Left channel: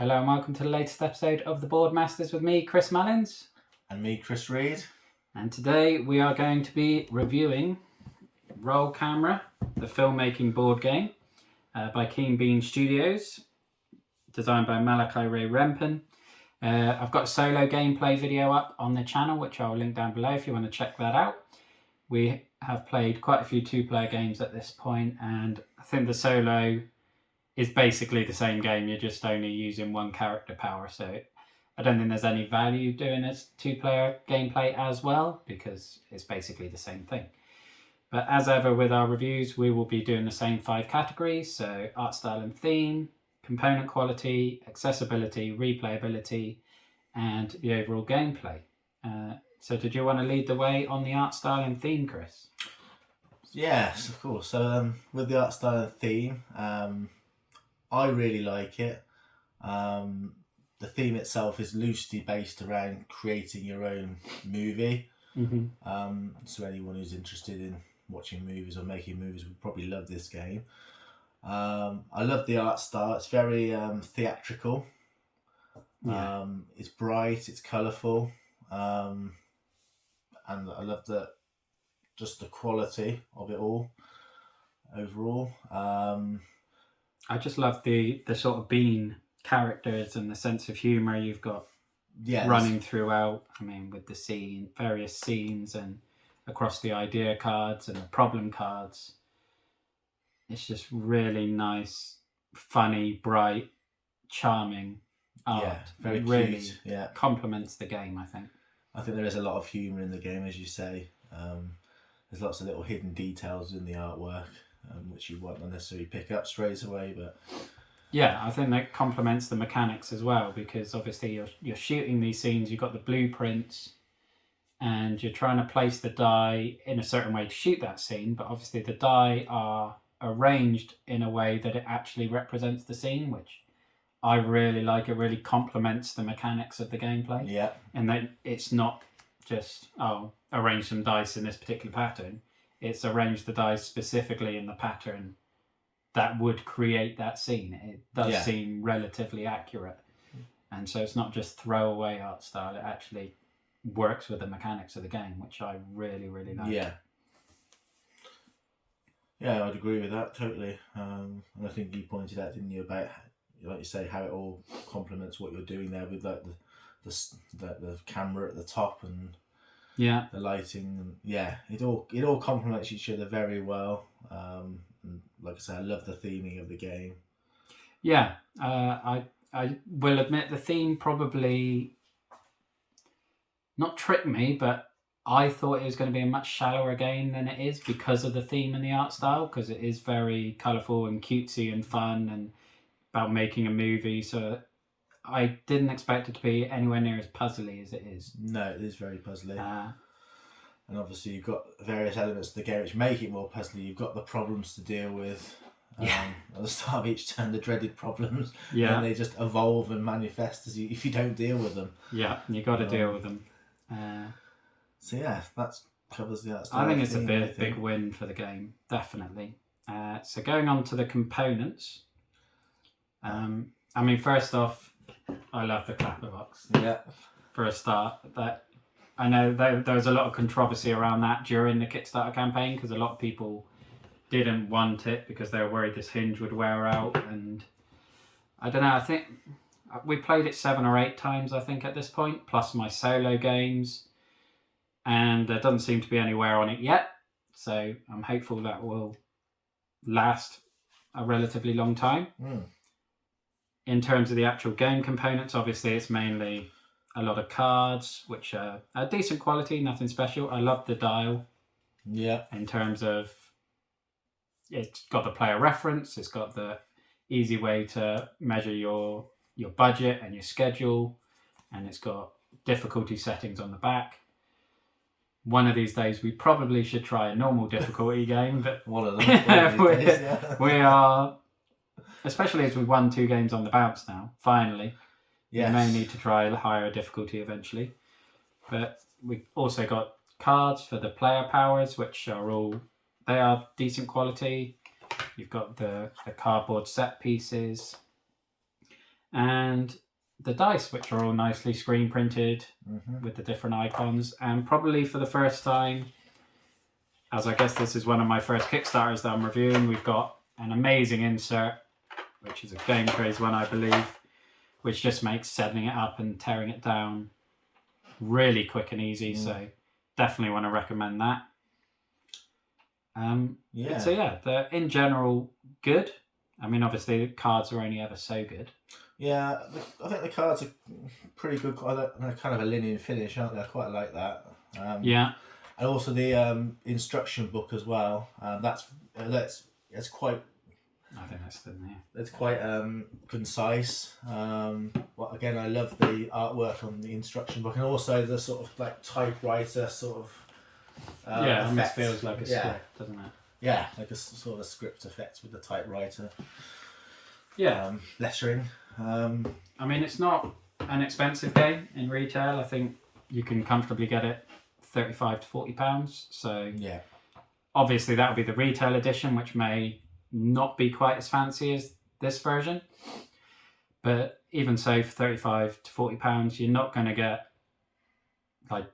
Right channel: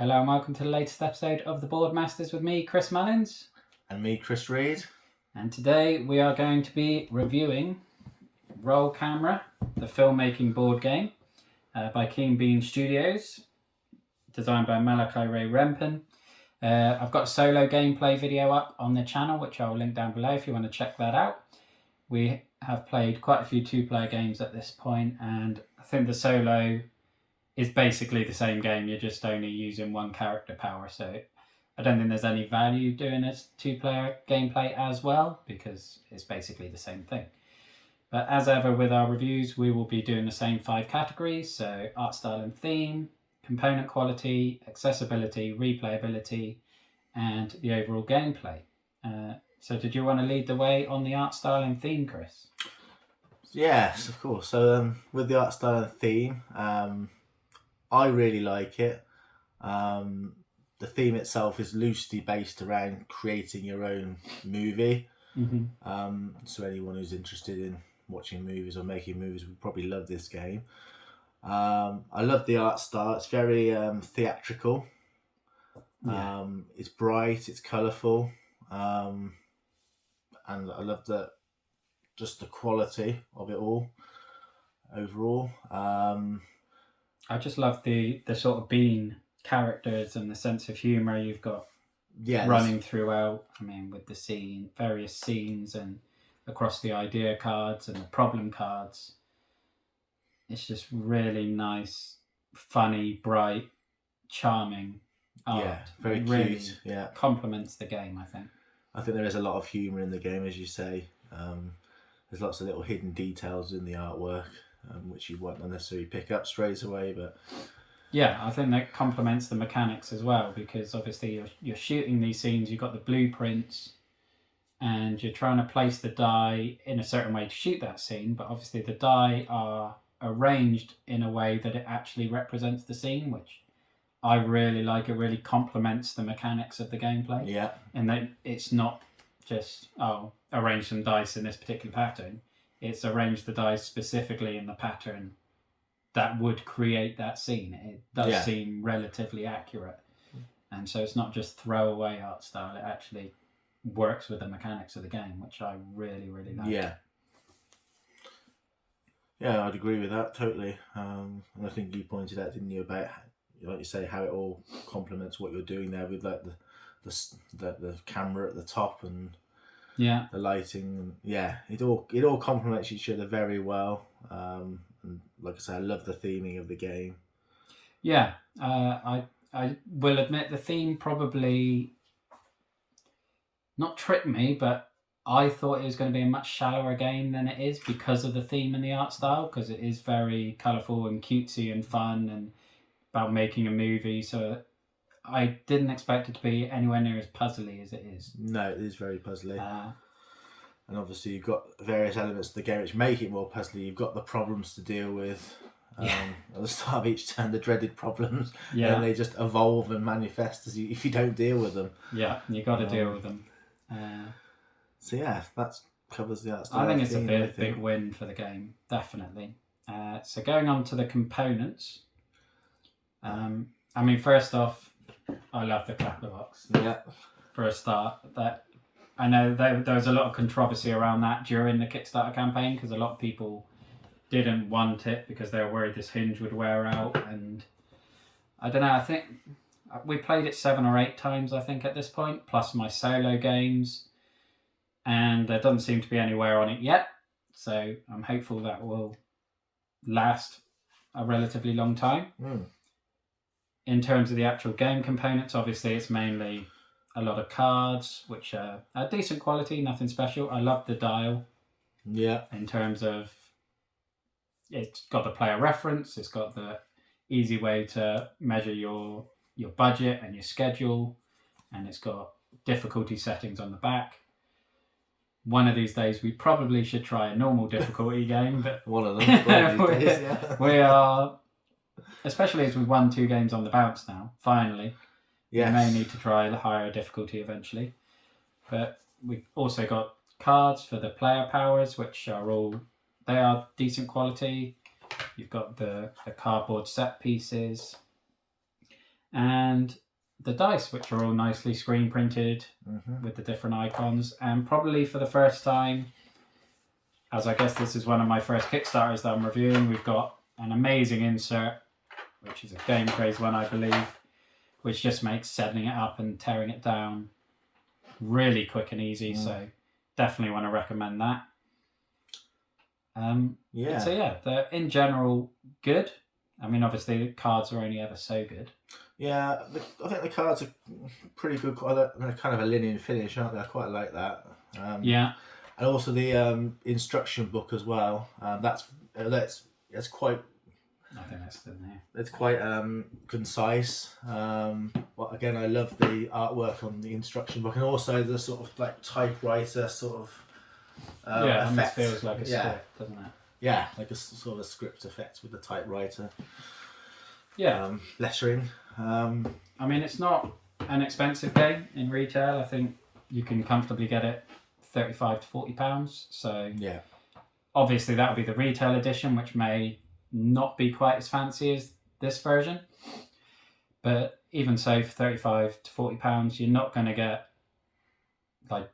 Hello and welcome to the latest episode of the Board Masters with me, Chris Mullins. And me, Chris Reed. And today we are going to be reviewing Roll Camera, the filmmaking board game by Keen Bean Studios, designed by Malachi Ray Rempen. I've got a solo gameplay video up on the channel, which I'll link down below if you want to check that out. We have played quite a few two-player games at this point, and I think the solo is basically the same game. You're just only using one character power, so I don't think there's any value doing a two-player gameplay as well, because it's basically the same thing. But as ever with our reviews, we will be doing the same 5 categories, so art style and theme, component quality, accessibility, replayability, and the overall gameplay. So did you want to lead the way on the art style and theme, Chris? Yes, of course. So with the art style and theme, I really like it. The theme itself is loosely based around creating your own movie. Mm-hmm. So anyone who's interested in watching movies or making movies will probably love this game. I love the art style. It's very theatrical. Yeah. It's bright, it's colourful. And I love just the quality of it all overall. I just love the sort of Bean characters and the sense of humour you've got running throughout. I mean, with the various scenes and across the idea cards and the problem cards. It's just really nice, funny, bright, charming art. Yeah, very really cute. Yeah, complements the game, I think. I think there is a lot of humour in the game, as you say. There's lots of little hidden details in the artwork, which you won't necessarily pick up straight away. But yeah, I think that complements the mechanics as well, because obviously you're shooting these scenes. You've got the blueprints, and you're trying to place the die in a certain way to shoot that scene. But obviously the die are arranged in a way that it actually represents the scene, which I really like. It really complements the mechanics of the gameplay. yeah, And that it's not just, arrange some dice in this particular pattern. It's arrange the dice specifically in the pattern that would create that scene. It does seem relatively accurate. And so it's not just throwaway art style. It actually works with the mechanics of the game, which I really, really like. Yeah, I'd agree with that totally. And I think you pointed out, didn't you, about, like you say, how it all complements what you're doing there with like the camera at the top and the lighting. And it all complements each other very well. And like I say, I love the theming of the game. Yeah, I will admit the theme probably not tricked me, but I thought it was going to be a much shallower game than it is because of the theme and the art style, because it is very colourful and cutesy and fun and about making a movie. So I didn't expect it to be anywhere near as puzzly as it is. No, it is very puzzly. And obviously you've got various elements of the game which make it more puzzly. You've got the problems to deal with at the start of each turn, the dreaded problems. Yeah. And they just evolve and manifest if you don't deal with them. Yeah, you got to deal with them. So yeah, that covers the art I think it's a big win for the game, definitely. So going on to the components. I mean, first off, I love the clapper box. Yeah. For a start, that I know there was a lot of controversy around that during the Kickstarter campaign, because a lot of people didn't want it because they were worried this hinge would wear out, and I don't know. I think we played it 7 or 8 times, I think, at this point, plus my solo games, and there doesn't seem to be any wear on it yet. So I'm hopeful that will last a relatively long time. In terms of the actual game components, obviously it's mainly a lot of cards, which are decent quality, nothing special. I love the dial. Yeah. In terms of, it's got the player reference, it's got the easy way to measure your budget and your schedule, and it's got difficulty settings on the back. One of these days we probably should try a normal difficulty game, but one of them. We are, especially as we've won 2 games on the bounce now, finally. Yes. We may need to try a higher difficulty eventually. But we've also got cards for the player powers, which they are decent quality. You've got the cardboard set pieces. and the dice, which are all nicely screen printed with the different icons. And probably for the first time, as I guess this is one of my first Kickstarters that I'm reviewing, we've got an amazing insert, which is a Game Craze one, I believe, which just makes setting it up and tearing it down really quick and easy. So definitely want to recommend that. So yeah, they're in general good. I mean, obviously the cards are only ever so good. Yeah, I think the cards are pretty good. They're kind of a linen finish, aren't they? I quite like that. Yeah. And also the instruction book as well. That's quite. I think that's the name. It's quite concise. Well, again, I love the artwork on the instruction book, and also the sort of like typewriter sort of. Yeah, and it feels like a script, doesn't it? Yeah, like a sort of script effect with the typewriter. Yeah. Lettering. I mean, it's not an expensive game in retail. I think you can comfortably get it £35 to £40. So yeah, obviously that'll be the retail edition, which may not be quite as fancy as this version. But even so, for £35 to £40, you're not going to get like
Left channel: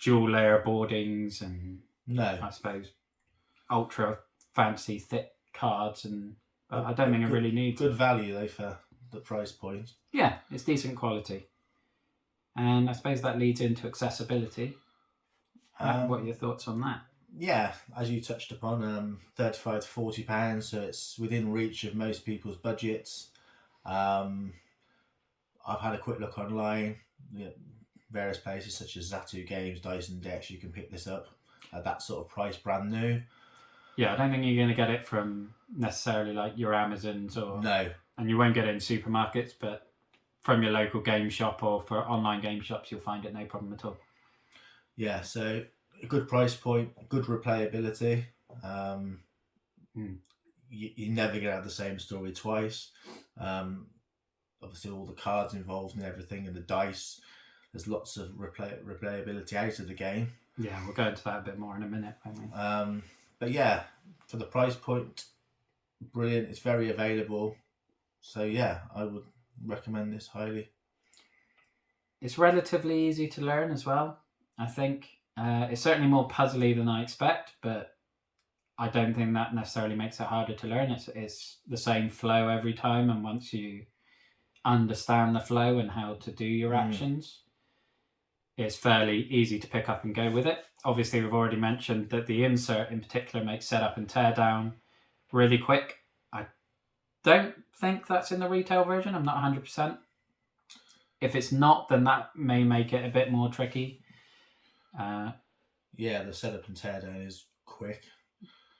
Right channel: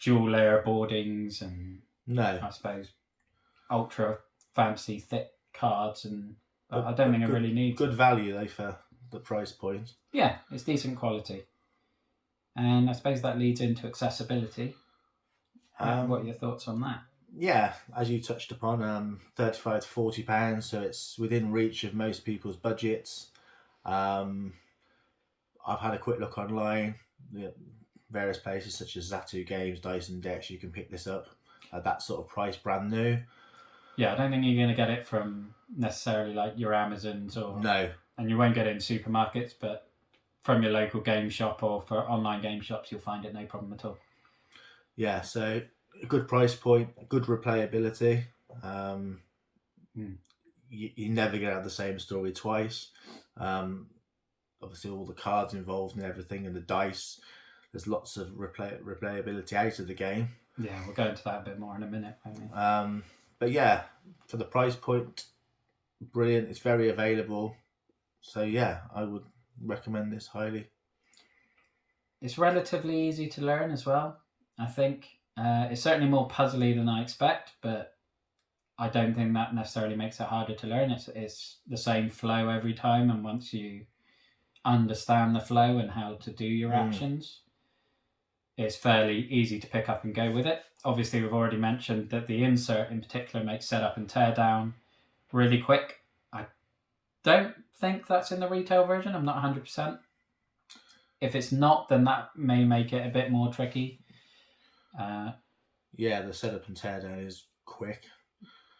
dual layer boardings and I suppose ultra fancy thick cards, and I don't think it really needs good value though for the price point. Yeah, it's decent quality, and I suppose that leads into accessibility. What are your thoughts on that? Yeah, as you touched upon, £35 to £40, so it's within reach of most people's budgets. I've had a quick look online. Various places such as Zatu Games, Dyson Decks, you can pick this up at that sort of price, brand new. Yeah, I don't think you're going to get it from necessarily like your Amazons or no, and you won't get it in supermarkets, but from your local game shop or for online game shops, you'll find it no problem at all. Yeah, so a good price point, good replayability. You're never going to have the same story twice. Obviously, all the cards involved and everything, and the dice. There's lots of replayability out of the game. Yeah, we'll go into that a bit more in a minute, won't we? But yeah, for the price point, brilliant. It's very available. So yeah, I would recommend this highly. It's relatively easy to learn as well. I think it's certainly more puzzly than I expect, but I don't think that necessarily makes it harder to learn. It's the same flow every time, and once you understand the flow and how to do your actions, it's fairly easy to pick up and go with it. Obviously, we've already mentioned that the insert in particular makes setup and tear down really quick. I don't think that's in the retail version. I'm not 100%. If it's not, then that may make it a bit more tricky. Yeah, the setup and tear down is quick.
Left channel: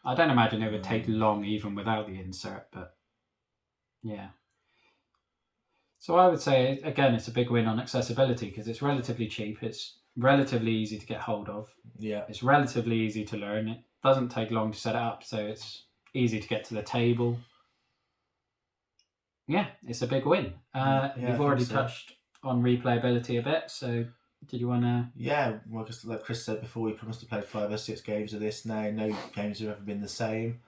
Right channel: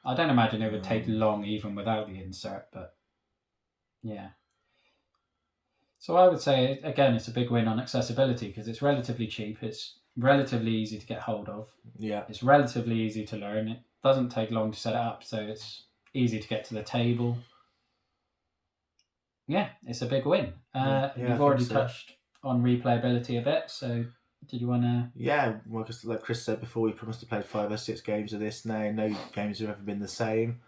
I don't imagine it would take long even without the insert, but yeah. So I would say, again, it's a big win on accessibility because it's relatively cheap. It's relatively easy to get hold of. Yeah. It's relatively easy to learn. It doesn't take long to set it up, so it's easy to get to the table. Yeah, it's a big win. You've already touched on replayability a bit, so did you want to... Yeah, well, just like Chris said before, we promised to play 5 or 6 games of this now. No games have ever been the same.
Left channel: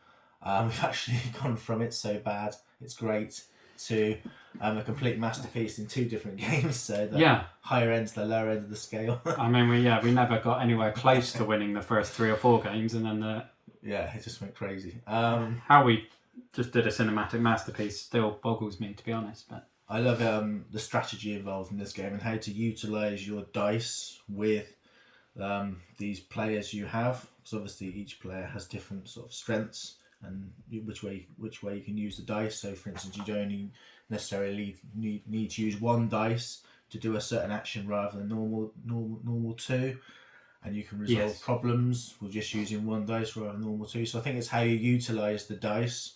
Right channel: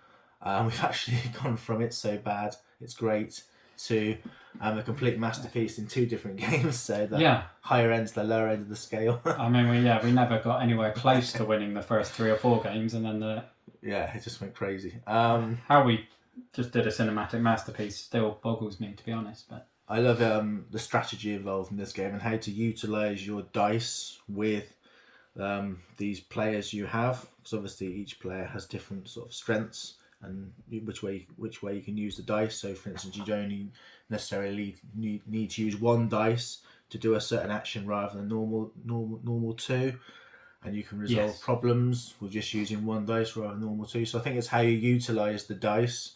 We've actually gone from it's so bad, it's great, to a complete masterpiece in 2 different games. So the higher end to the lower end of the scale. I mean, we never got anywhere close to winning the first 3 or 4 games, and then it just went crazy. How we just did a cinematic masterpiece still boggles me, to be honest. But I love the strategy involved in this game and how to utilise your dice with these players you have, because obviously each player has different sort of strengths and which way you can use the dice. So for instance, you don't only necessarily need to use 1 dice to do a certain action rather than normal 2, and you can resolve problems with just using 1 dice rather than normal 2. So I think it's how you utilise the dice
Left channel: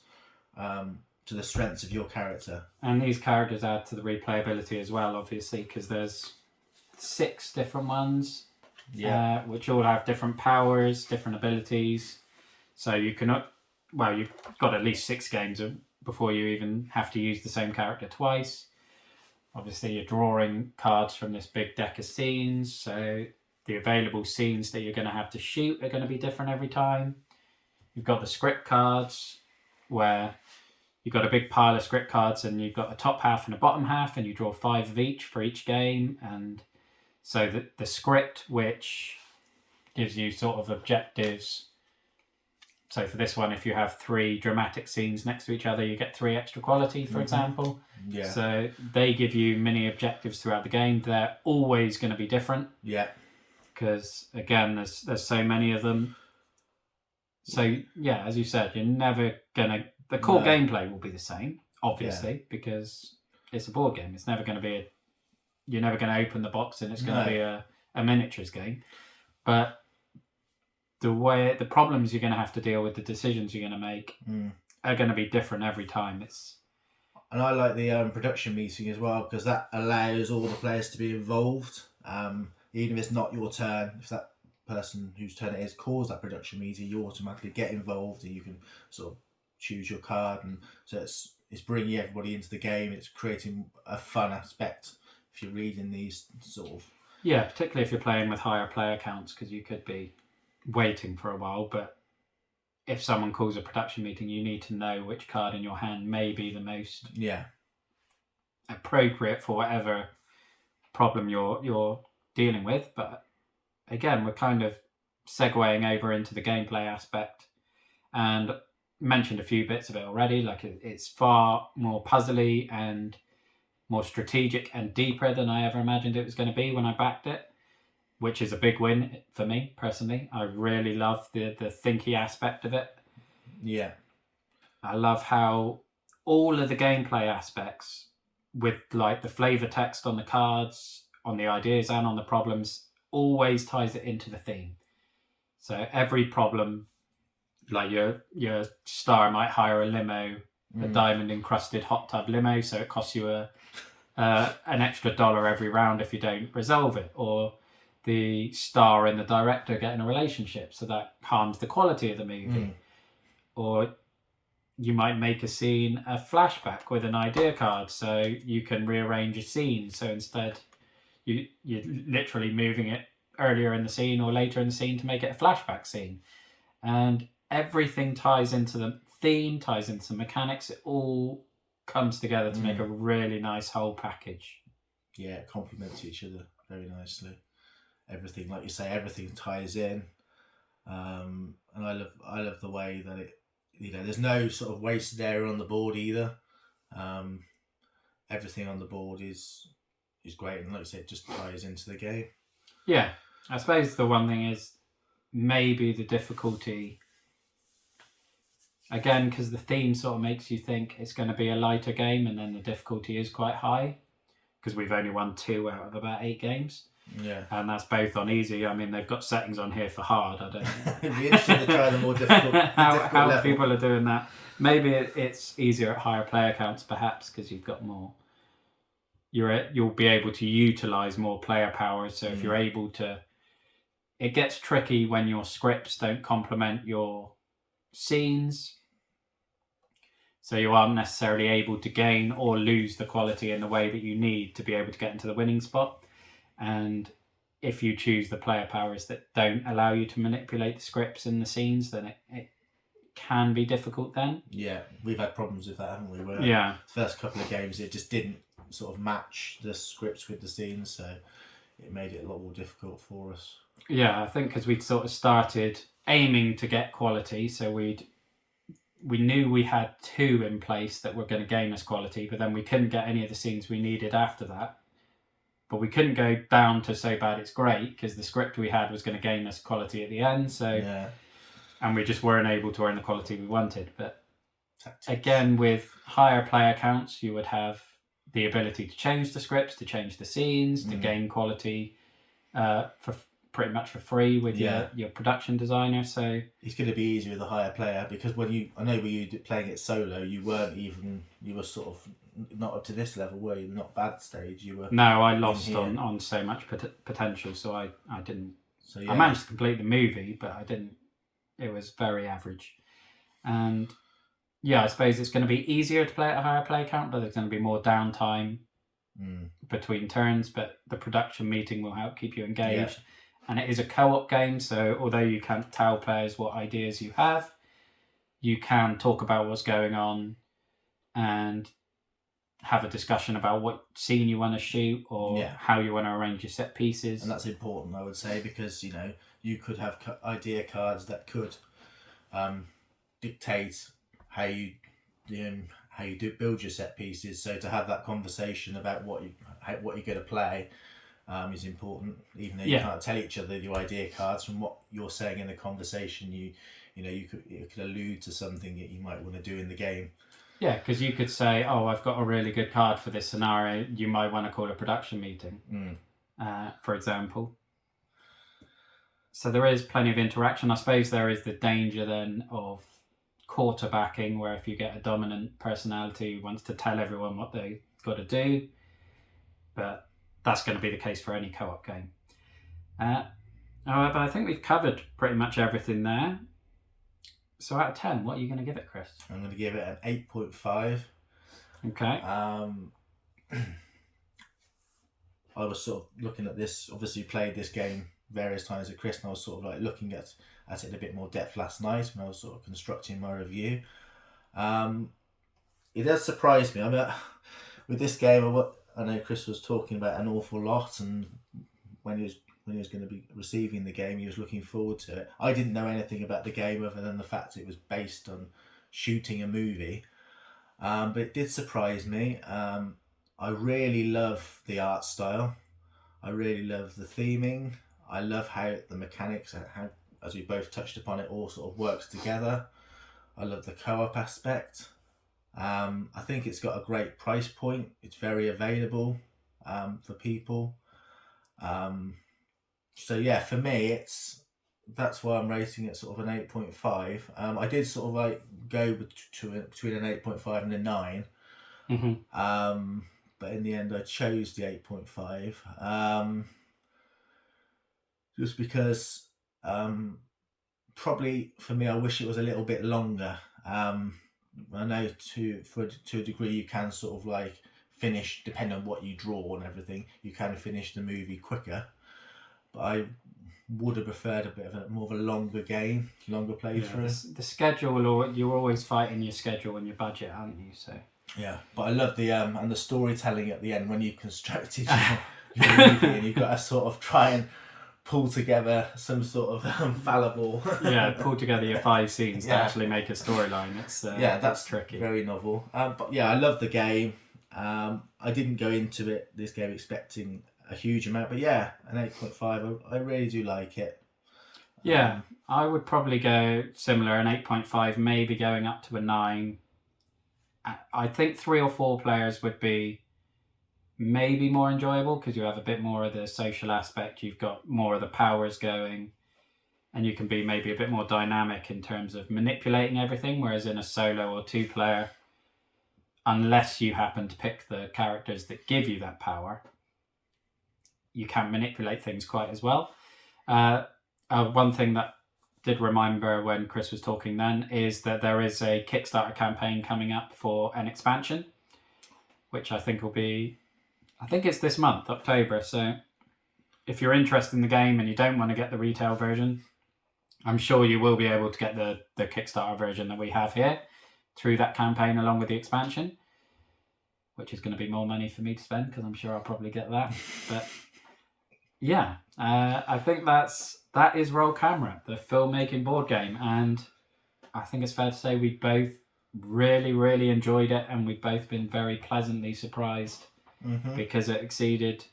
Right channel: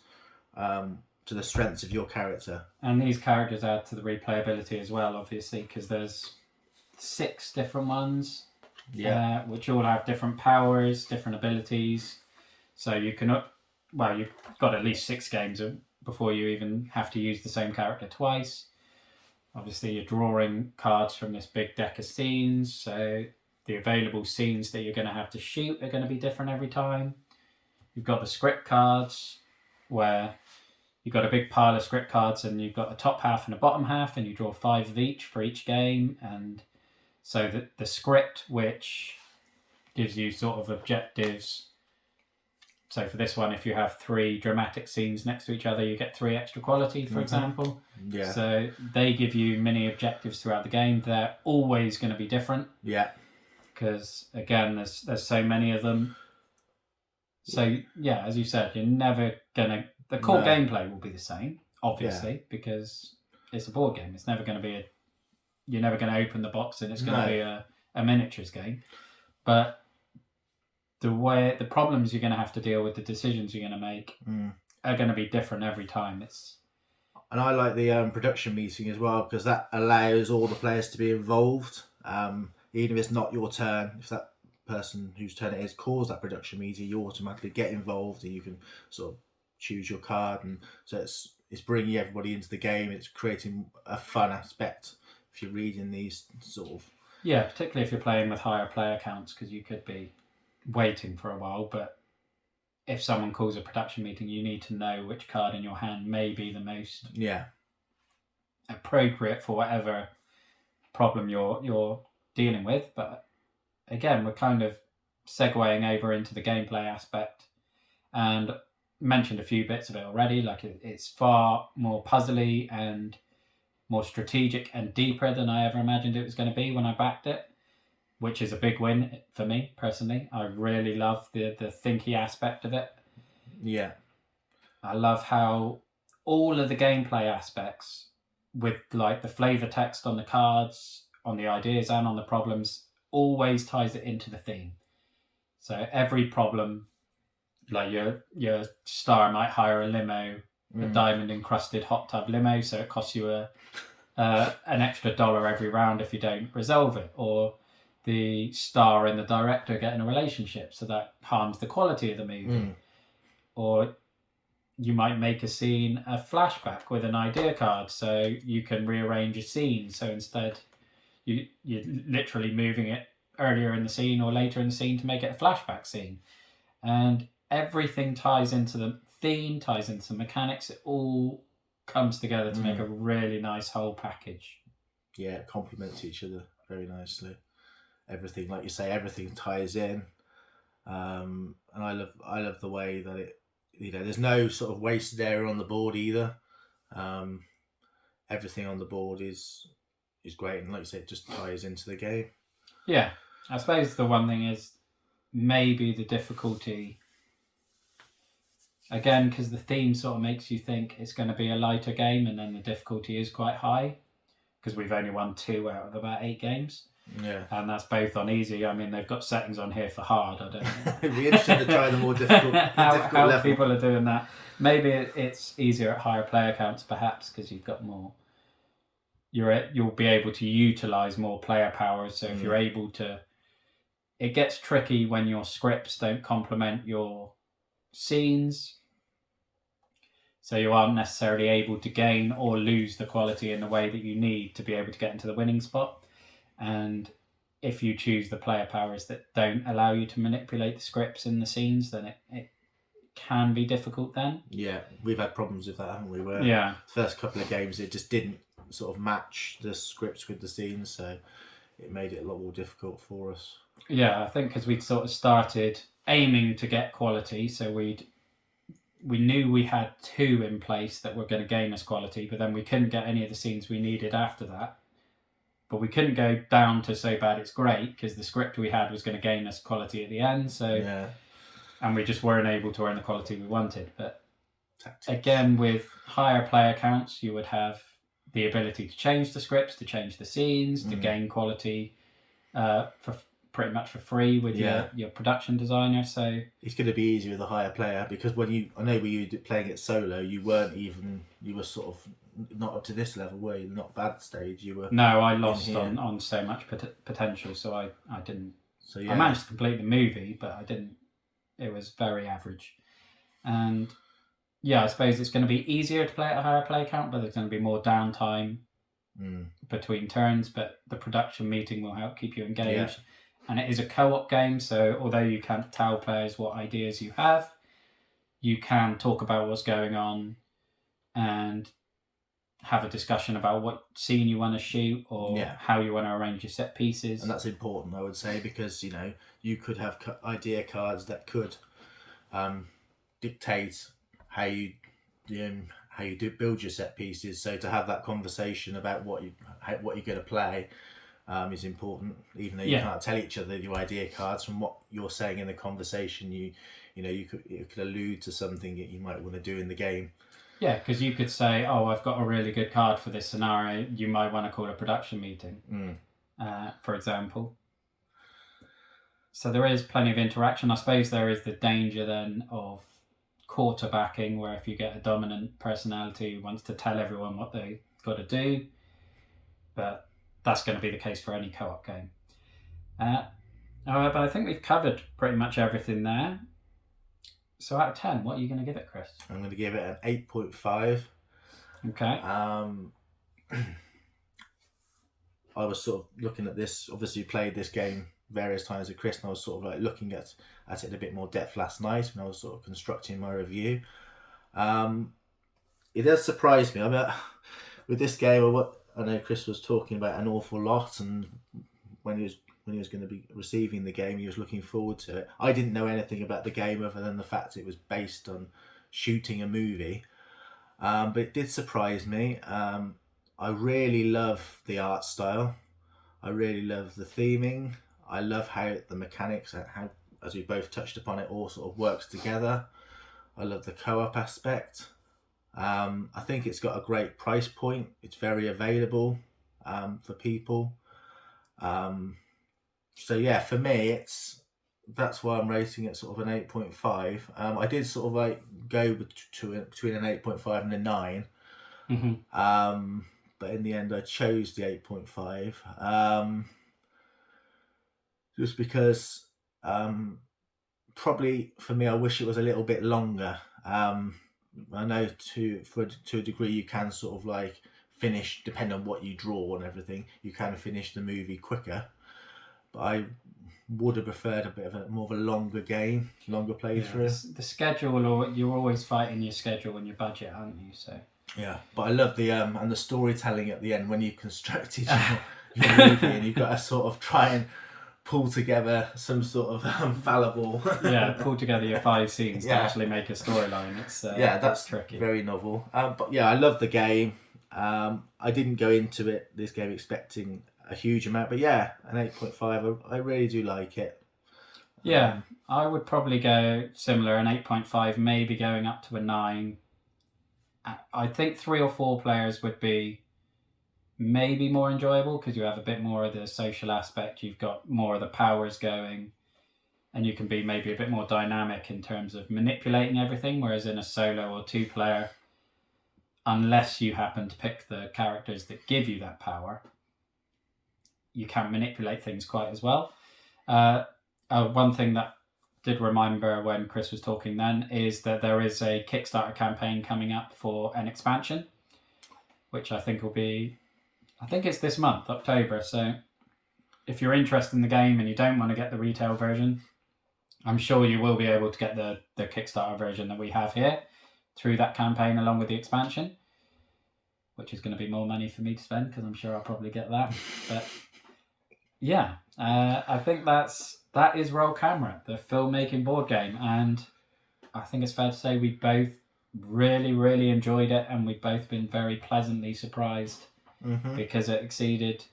to the strengths of your character. And these characters add to the replayability as well, obviously, because there's 6 different ones, which all have different powers, different abilities. So you can, you've got at least 6 games before you even have to use the same character twice. Obviously, you're drawing cards from this big deck of scenes, so the available scenes that you're going to have to shoot are going to be different every time. You've got the script cards, where you've got a big pile of script cards, and you've got a top half and a bottom half, and you draw 5 of each for each game. And so the script, which gives you sort of objectives. So for this one, if you have 3 dramatic scenes next to each other, you get 3 extra quality, for example. Yeah. So they give you mini objectives throughout the game. They're always going to be different. Yeah. Because again, there's so many of them. So yeah, as you said, you're never gonna. The core gameplay will be the same, obviously, because it's a board game. It's never going to be you're never going to open the box and it's going to be a miniatures game. But the problems you're going to have to deal with, the decisions you're going to make, are going to be different every time. And I like the production meeting as well, because that allows all the players to be involved. Even if it's not your turn, if that person whose turn it is calls that production meeting, you automatically get involved and you can sort of choose your card. And so it's bringing everybody into the game. It's creating a fun aspect if you're reading these sort of... Yeah, particularly if you're playing with higher player counts, because you could be waiting for a while, but if someone calls a production meeting, you need to know which card in your hand may be the most appropriate for whatever problem you're dealing with. But again, we're kind of segueing over into the gameplay aspect, and mentioned a few bits of it already. Like it's far more puzzly and more strategic and deeper than I ever imagined it was going to be when I backed it, which is a big win for me personally. I really love the thinky aspect of it. Yeah. I love how all of the gameplay aspects, with like the flavor text on the cards, on the ideas and on the problems, always ties it into the theme. So every problem, like your star might hire a limo, a diamond encrusted hot tub limo, so it costs you an extra $1 every round if you don't resolve it. Or the star and the director get in a relationship, so that harms the quality of the movie. Or you might make a scene a flashback with an idea card, so you can rearrange a scene. So instead, you're literally moving it earlier in the scene or later in the scene to make it a flashback scene. And everything ties into the theme, ties into mechanics. It all comes together to make a really nice whole package. Yeah, it complements each other very nicely. Everything, like you say, everything ties in. And I love the way that it, there's no sort of wasted area on the board either. Everything on the board is great, and like you say, it just ties into the game. Yeah, I suppose the one thing is maybe the difficulty, again, because the theme sort of makes you think it's going to be a lighter game, and then the difficulty is quite high, because we've only won 2 out of about 8 games. Yeah. And that's both on easy. I mean, they've got settings on here for hard. I don't know. It'd be interesting to try the more difficult, how level. People are doing that. Maybe it's easier at higher player counts, perhaps, because you've got more. You'll be able to utilize more player powers. So if you're able to, it gets tricky when your scripts don't complement your scenes. So you aren't necessarily able to gain or lose the quality in the way that you need to be able to get into the winning spot. And if you choose the player powers that don't allow you to manipulate the scripts in the scenes, then it can be difficult then. Yeah, we've had problems with that, haven't we? Where the first couple of games, it just didn't sort of match the scripts with the scenes, so it made it a lot more difficult for us. Yeah, I think because we'd sort of started aiming to get quality, so we knew we had 2 in place that were going to gain us quality, but then we couldn't get any of the scenes we needed after that. But we couldn't go down to so bad it's great, because the script we had was going to gain us quality at the end. So, and we just weren't able to earn the quality we wanted. But again, with higher player counts, you would have the ability to change the scripts, to change the scenes, to gain quality for pretty much for free with your production designer. So it's going to be easier with a higher player, because when you playing it solo, you were sort of not up to this level, were you? Not bad stage. You were. No, I lost on so much potential, so I didn't. So yeah. I managed to complete the movie, but I didn't. It was very average, and I suppose it's going to be easier to play at a higher play count, but there's going to be more downtime between turns. But the production meeting will help keep you engaged, and it is a co-op game. So although you can't tell players what ideas you have, you can talk about what's going on. and have a discussion about what scene you want to shoot or Yeah. how you want to arrange your set pieces. And that's important, I would say, because you could have idea cards that could dictate how you build your set pieces. So to have that conversation about what you're going to play is important, even though you can't tell each other your idea cards. From what you're saying in the conversation, you could allude to something that you might want to do in the game. Yeah, because you could say, "Oh, I've got a really good card for this scenario. You might want to call a production meeting," for example. So there is plenty of interaction. I suppose there is the danger then of quarterbacking, where if you get a dominant personality who wants to tell everyone what they've got to do, but that's going to be the case for any co-op game. However, I think we've covered pretty much everything there. So out of 10, what are you going to give it, Chris? I'm going to give it an 8.5. Okay. I was sort of looking at this, obviously played this game various times with Chris, and I was sort of like looking at it in a bit more depth last night when I was sort of constructing my review. It does surprise me. I mean, with this game, I know Chris was talking about an awful lot, and when he was going to be receiving the game, he was looking forward to it. I didn't know anything about the game other than the fact it was based on shooting a movie, but it did surprise me. I really love the art style. I really love the theming. I love how the mechanics, how, as we both touched upon, it all sort of works together. I love the co-op aspect. I think it's got a great price point. It's very available for people. So yeah, for me, that's why I'm rating it sort of an 8.5. I did sort of like go between an 8.5 and a 9. Mm-hmm. But in the end, I chose the 8.5. Just because probably for me, I wish it was a little bit longer. I know to a degree you can sort of like finish, depending on what you draw and everything, you can finish the movie quicker. But I would have preferred a bit of more of a longer game, longer playthrough. Yeah, the schedule, you're always fighting your schedule and your budget, aren't you? So yeah, but I love the and the storytelling at the end when you've constructed your movie and you've got to sort of try and pull together some sort of fallible. pull together your 5 scenes to actually make a storyline. It's that's tricky. Very novel. But yeah, I love the game. I didn't go into this game expecting a huge amount, but yeah, an 8.5. I really do like it. Yeah, I would probably go similar, an 8.5, maybe going up to a 9. I think 3 or 4 players would be maybe more enjoyable because you have a bit more of the social aspect. You've got more of the powers going, and you can be maybe a bit more dynamic in terms of manipulating everything. Whereas in a solo or 2 player, unless you happen to pick the characters that give you that power, you can't manipulate things quite as well. One thing that did remember when Chris was talking then is that there is a Kickstarter campaign coming up for an expansion, which I think it's this month, October. So if you're interested in the game and you don't want to get the retail version, I'm sure you will be able to get the Kickstarter version that we have here through that campaign along with the expansion, which is going to be more money for me to spend because I'm sure I'll probably get that. But yeah, I think that is Roll Camera, the filmmaking board game, and I think it's fair to say we both really, really enjoyed it, and we've both been very pleasantly surprised because it exceeded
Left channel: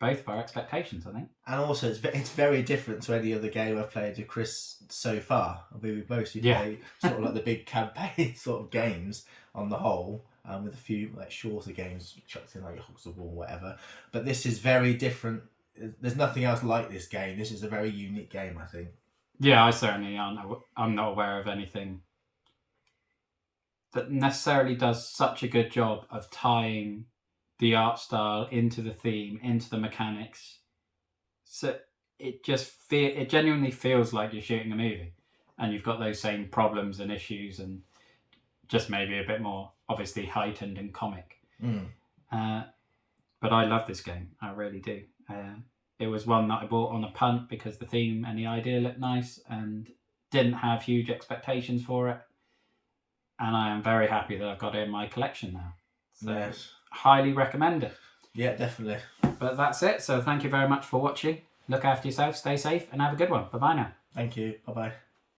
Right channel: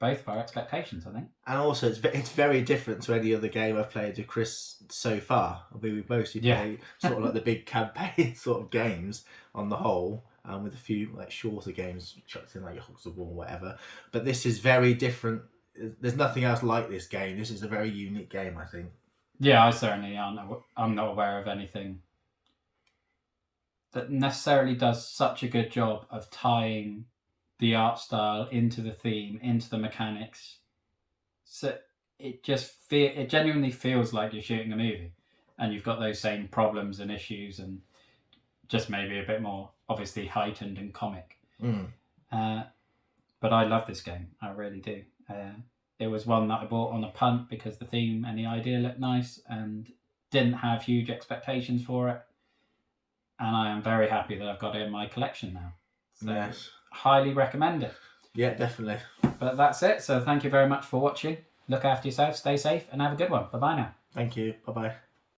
both of our expectations, I think. And also, it's very different to any other game I've played with Chris so far. I mean, we've mostly played sort of like the big campaign sort of games on the whole, with a few like shorter games chucked in, like Hooks of War or whatever. But this is very different. There's nothing else like this game. This is a very unique game, I think. Yeah, I certainly I'm not aware of anything that necessarily does such a good job of tying the art style into the theme, into the mechanics. So it genuinely feels like you're shooting a movie, and you've got those same problems and issues, and just maybe a bit more obviously heightened and comic. But I love this game. I really do. It was one that I bought on a punt because the theme and the idea looked nice, and didn't have huge expectations for it. and I am very happy that I've got it in my collection now. So Yes. highly recommend it. Yeah, definitely. But that's it. So thank you very much for watching. Look after yourself, stay safe, and have a good one. Bye-bye now. Thank you. Bye-bye.